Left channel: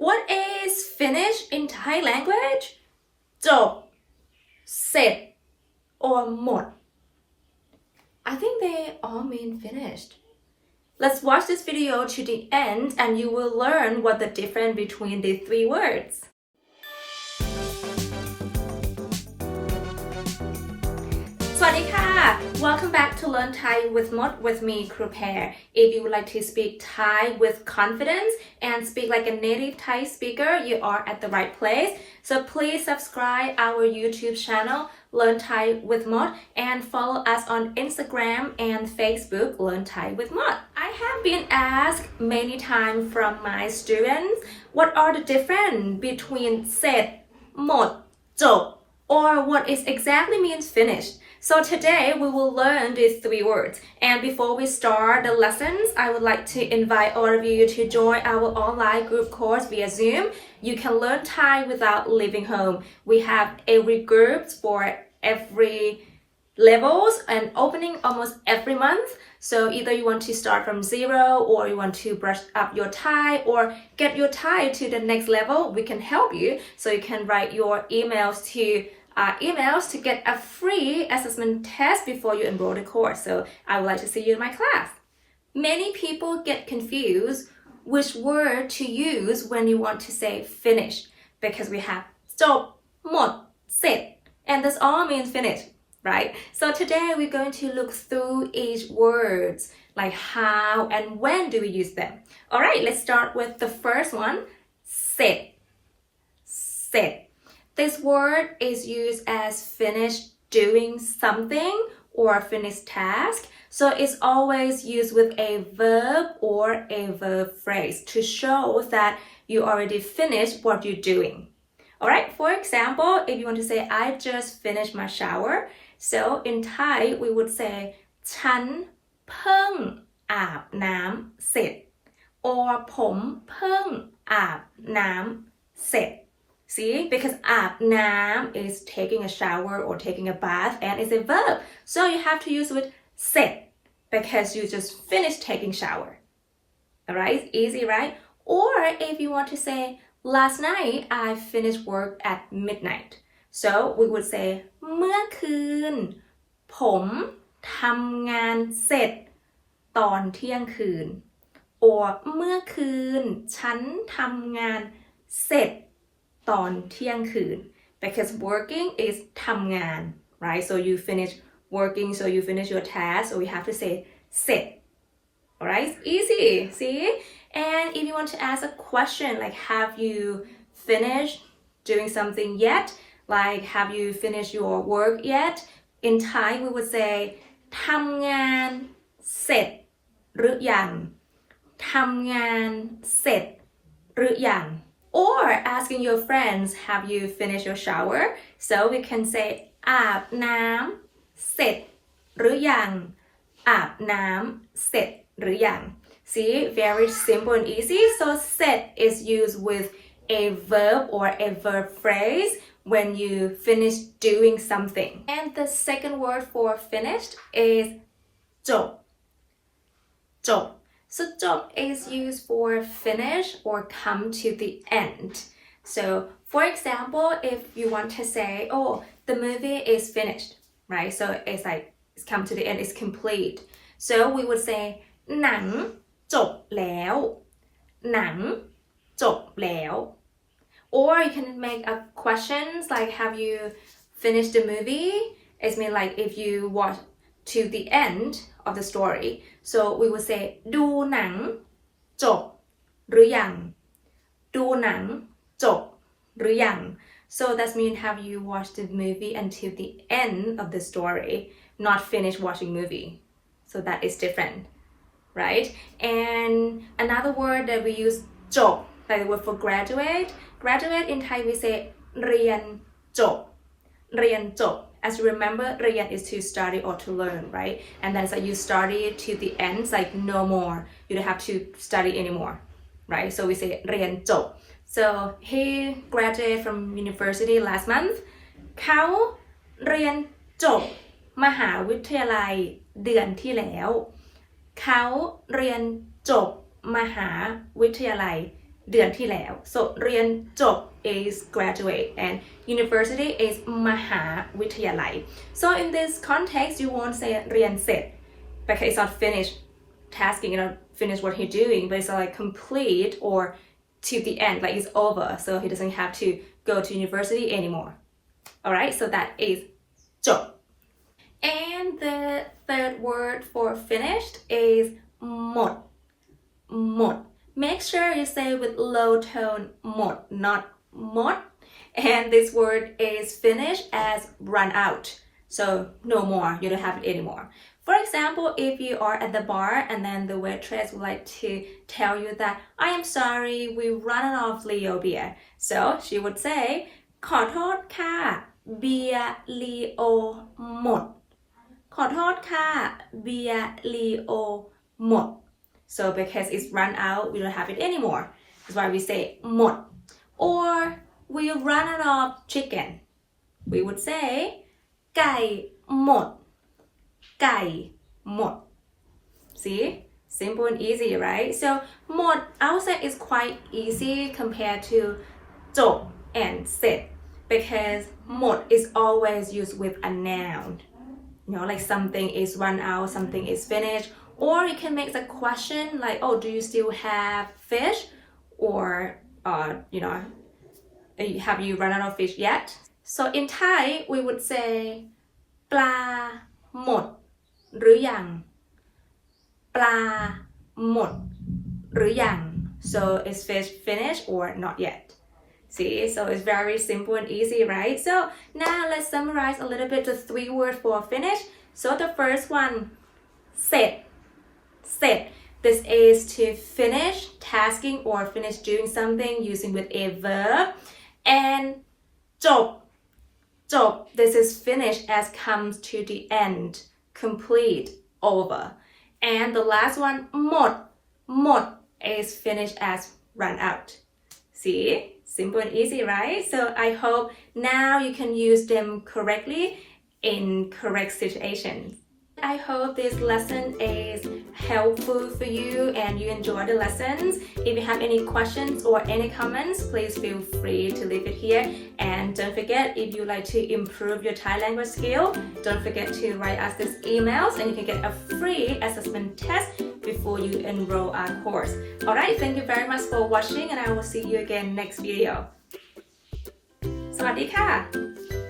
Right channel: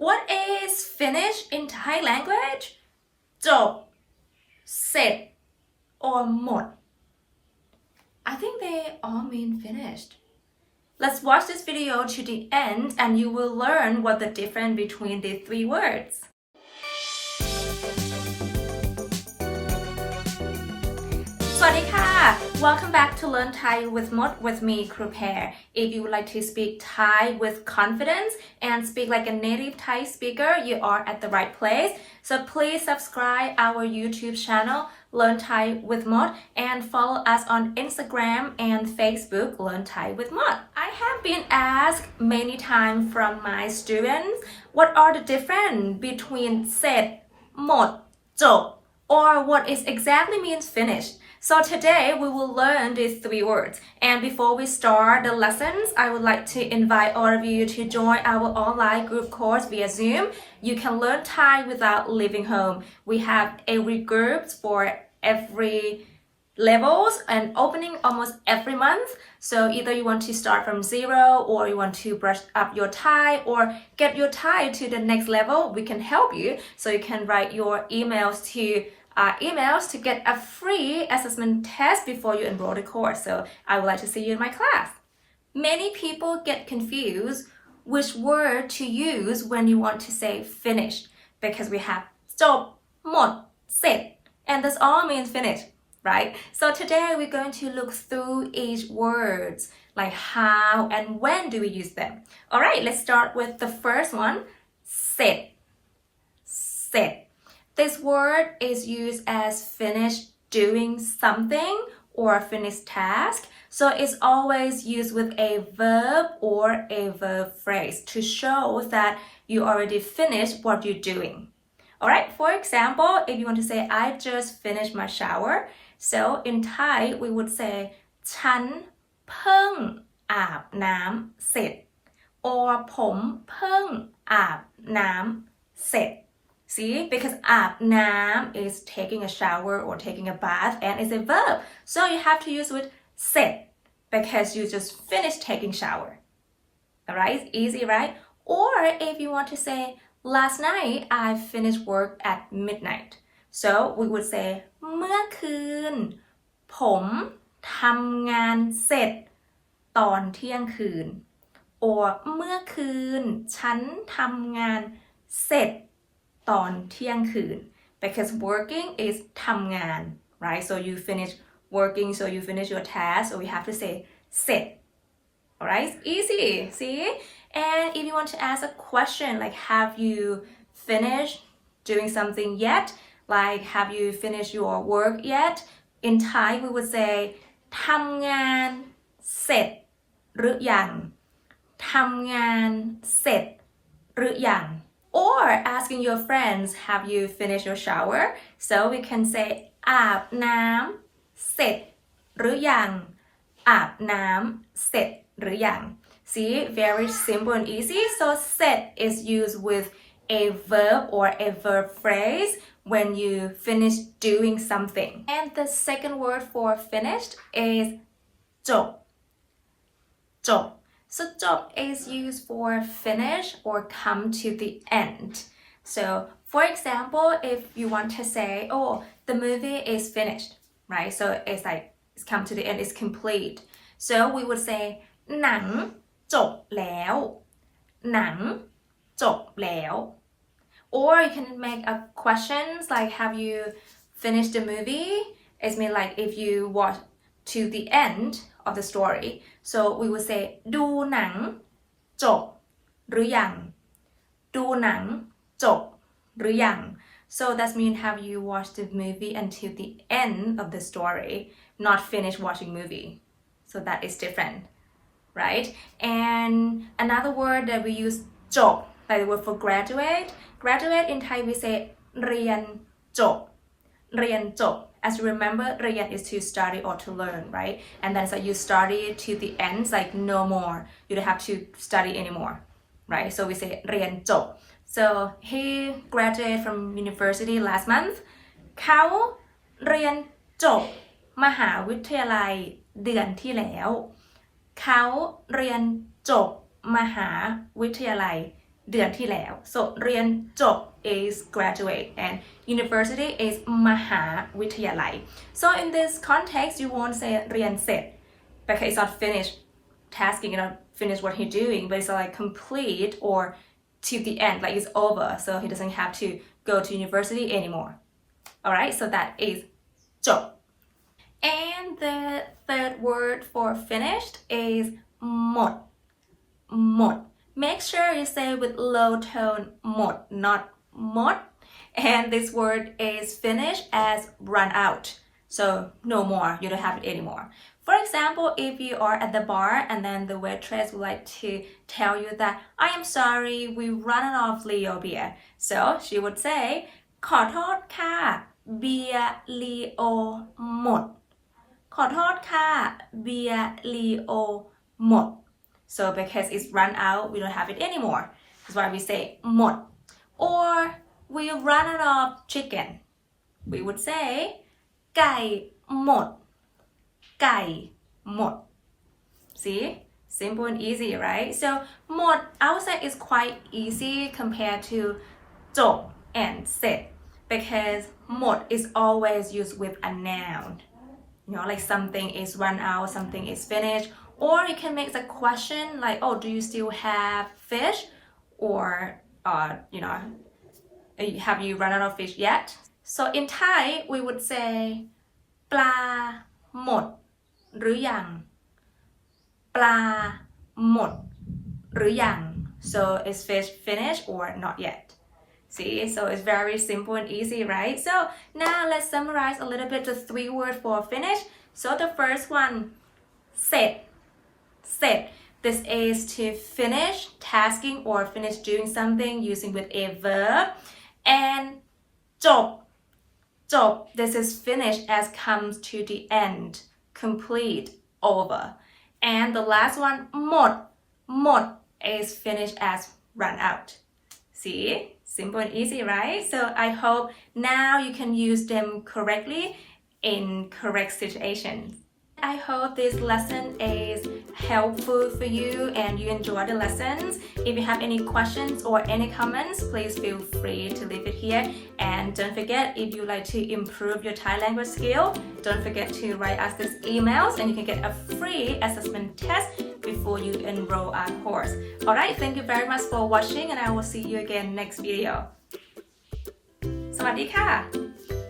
What is finish in Thai language จบเสร็จ or หมด I think they all mean finished. Let's watch this video to the end and you will learn what the difference between these three words. สวัสดีค่ะ Welcome back to Learn Thai with Mod with me, Kru Pair. If you would like to speak Thai with confidence and speak like a native Thai speaker, you are at the right place. So please subscribe our YouTube channel, Learn Thai with Mod, and follow us on Instagram and Facebook, Learn Thai with Mod. I have been asked many times from my students, what are the difference between เสร็จ หมด จบ or what is exactly means finished. So today we will learn these three words. And before we start the lessons, I would like to invite all of you to join our online group course via Zoom. You can learn Thai without leaving home. We have every group for every levels and opening almost every month. So either you want to start from zero or you want to brush up your Thai or get your Thai to the next level, we can help you. So you can write your emails to get a free assessment test before you enroll the course. So I would like to see you in my class. Many people get confused which word to use when you want to say finish because we have จบ หมด เสร็จ and this all means finish, right? So today we're going to look through each words like how and when do we use them. All right, let's start with the first one, เสร็จ เสร็จ. This word is used as finish doing something or finish task. So it's always used with a verb or a verb phrase to show that you already finished what you're doing. Alright, for example, if you want to say, I just finished my shower. So in Thai, we would say, ฉันเพิ่งอาบน้ำเสร็จ or ผมเพิ่งอาบน้ำเสร็จ. See, because อาบน้ำ is taking a shower or taking a bath and it's a verb. So you have to use with เสร็จ because you just finished taking shower. Alright, easy, right? Or if you want to say, last night I finished work at midnight. So we would say เมื่อคืนผมทำงานเสร็จตอนเที่ยงคืน or เมื่อคืนฉันทำงานเสร็จตอนเที่ยงคืน because working is ทำงาน right? So you finish working, so you finish your task, so we have to say เสร็จ. Alright, easy, see? And if you want to ask a question like have you finished doing something yet? Like have you finished your work yet? In Thai we would say ทำงานเสร็จหรือยังทำงานเสร็จหรือยัง Or asking your friends, have you finished your shower? So we can say อาบน้ำเสร็จหรือยังอาบน้ำเสร็จหรือยัง See, very simple and easy. So เสร็จ is used with a verb or a verb phrase when you finish doing something. And the second word for finished is จบ จบ. So จบ is used for finish or come to the end. So for example, if you want to say, oh, the movie is finished, right? So it's like, it's come to the end, it's complete. So we would say หนังจบแล้วหนังจบแล้ว Or you can make a questions like have you finished the movie? It's mean like if you watch to the end of the story. So we would say ดูหนังจบหรือยังดูหนังจบหรือยัง So that means have you watched the movie until the end of the story, not finished watching movie. So that is different, right? And another word that we use จบ like the word for graduate. Graduate in Thai we say เรียนจบเรียนจบ. As you remember, เรียน is to study or to learn, right? And then it's like you study to the end, it's like no more. You don't have to study anymore, right? So we say เรียนจบ. So he graduated from university last month. เขาเรียนจบมหาวิทยาลัยเดือนที่แล้วเขาเรียนจบมหาวิทยาลัย เดือนที่แล้ว so เรียนจบ is graduate and university is มหาวิทยาลัย so in this context you won't say เรียนเสร็จ because it's not finished tasking, finish what he's doing, but it's like complete or to the end, like it's over, so he doesn't have to go to university anymore. Alright, so that is จบ and the third word for finished is หมด หมด make sure you say with low tone หมด not หมด and this word is finished as run out, so no more, you don't have it anymore. For example, if you are at the bar and then the waitress would like to tell you that I am sorry, we ran out of Leo beer. So she would say ขอโทษค่ะเบียร์ลีโอหมด ขอโทษค่ะเบียร์ลีโอหมด So because it's run out, we don't have it anymore. That's why we say หมด or we run out of chicken. We would say ไก่หมด ไก่หมด See? Simple and easy, right? So หมด I would say is quite easy compared to จบ and เสร็จ because หมด is always used with a noun. Like something is run out, something is finished, or you can make a question like, oh, do you still have fish? Or, have you run out of fish yet? So in Thai, we would say ปลาหมดหรือยัง ปลาหมดหรือยัง so is fish finished or not yet? See, so it's very simple and easy, right? So now let's summarize a little bit the 3 words for finish. So the first one, เสร็จ เสร็จ this is to finish tasking or finish doing something using with a verb. And จบ จบ this is finish as comes to the end, complete, over. And the last one หมด หมด is finished as run out. See? Simple and easy, right? So I hope now you can use them correctly in correct situations. I hope this lesson is helpful for you and you enjoy the lessons. If you have any questions or any comments, please feel free to leave it here. And don't forget, if you like to improve your Thai language skill, don't forget to write us these emails and you can get a free assessment test before you enroll our course. Alright, thank you very much for watching and I will see you again next video. สวัสดีค่ะ